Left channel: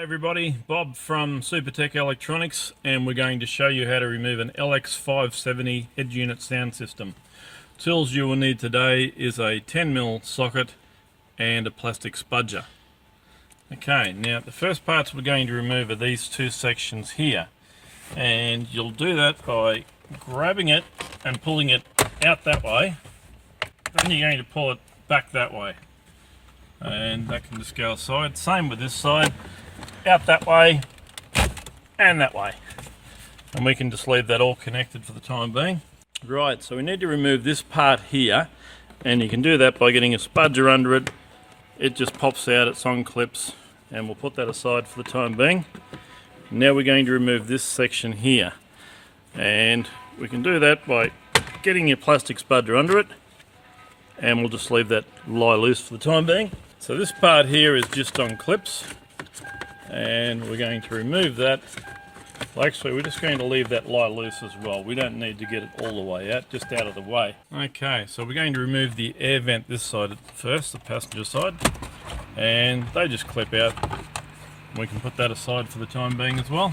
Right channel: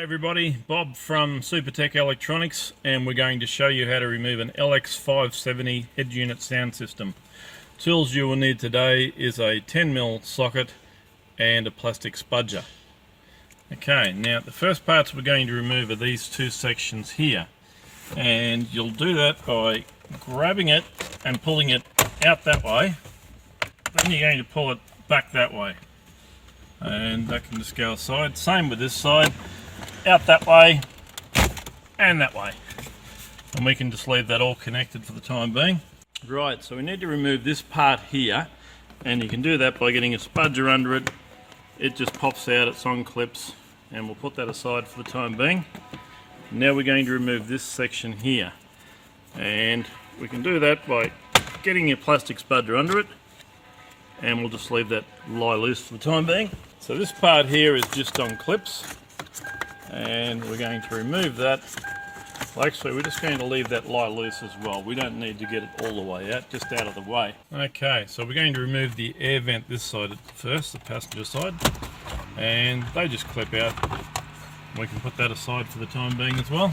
Hey everybody, Bob from Supertech Electronics, and we're going to show you how to remove an LX570 head unit sound system. Tools you will need today is a 10mm socket and a plastic spudger. Okay, now the first parts we're going to remove are these two sections here, and you'll do that by grabbing it and pulling it out that way. Then you're going to pull it back that way, and that can just go aside. Same with this side. Out that way and that way, and we can just leave that all connected for the time being. Right, so we need to remove this part here, and you can do that by getting a spudger under it. It just pops out, it's on clips, and we'll put that aside for the time being. Now we're going to remove this section here, and we can do that by getting your plastic spudger under it, and we'll just leave that lie loose for the time being. So this part here is just on clips, and we're going to remove that. Well, actually, we're just going to leave that lie loose as well. We don't need to get it all the way out, just out of the way. Okay, so we're going to remove the air vent this side first, the passenger side, and they just clip out. We can put that aside for the time being as well.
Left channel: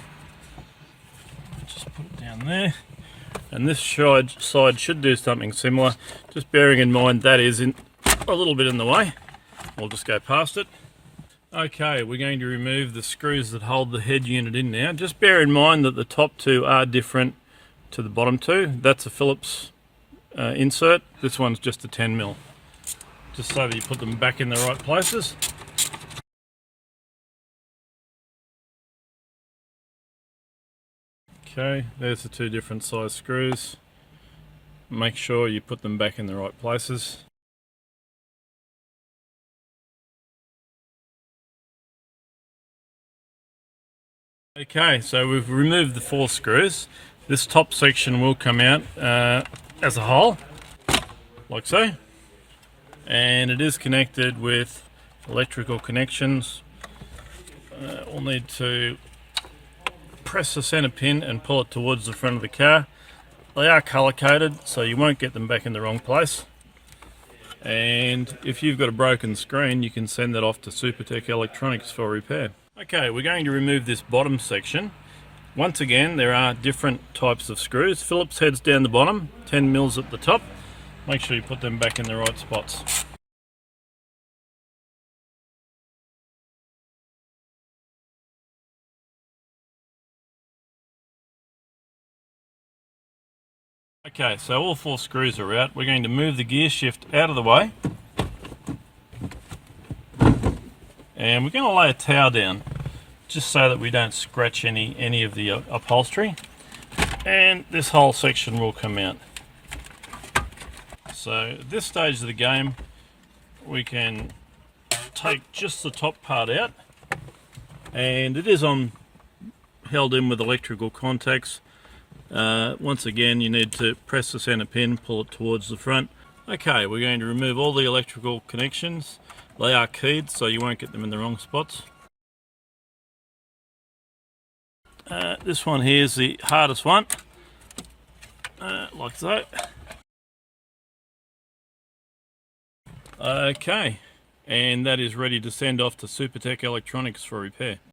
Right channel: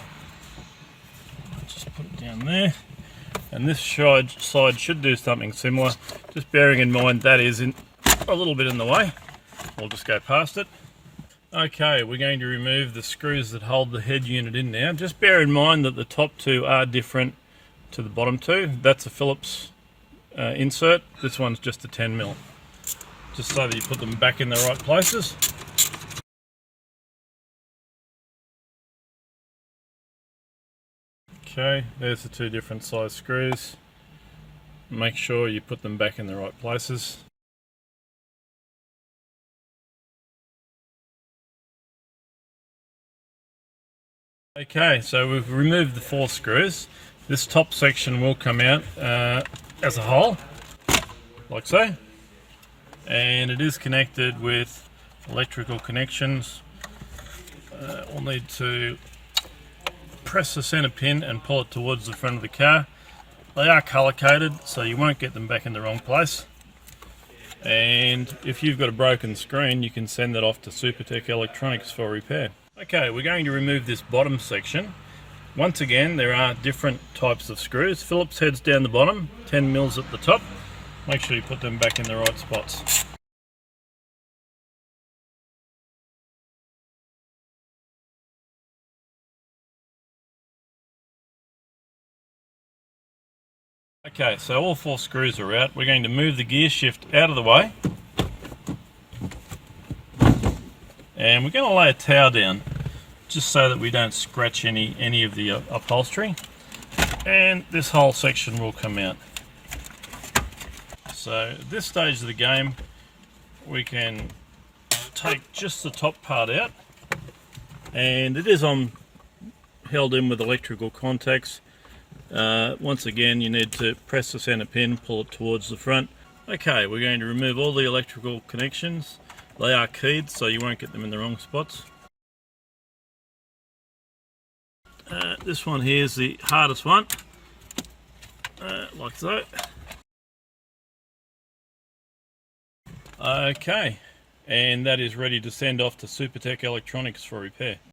Just put it down there, and this side should do something similar, just bearing in mind that is a little bit in the way. We'll just go past it. Okay, we're going to remove the screws that hold the head unit in now. Just bear in mind that the top two are different to the bottom two. That's a Phillips insert. This one's just a 10mm. Just so that you put them back in the right places. Okay, there's the two different size screws. Make sure you put them back in the right places. Okay, so we've removed the 4 screws. This top section will come out as a whole, like so. And it is connected with electrical connections. We'll need to press the center pin and pull it towards the front of the car. They are color coded, so you won't get them back in the wrong place. And if you've got a broken screen, you can send that off to Supertech Electronics for repair. Okay, we're going to remove this bottom section. Once again, there are different types of screws. Phillips heads down the bottom, 10mm at the top. Make sure you put them back in the right spots. Okay, so all 4 screws are out. We're going to move the gear shift out of the way. And we're going to lay a towel down just so that we don't scratch any of the upholstery, and this whole section will come out. So at this stage of the game, we can take just the top part out, and it is held in with electrical contacts. Once again, you need to press the center pin, pull it towards the front. Okay, we're going to remove all the electrical connections. They are keyed, so you won't get them in the wrong spots. This one here is the hardest one, like so. Okay, and that is ready to send off to Supertech Electronics for repair.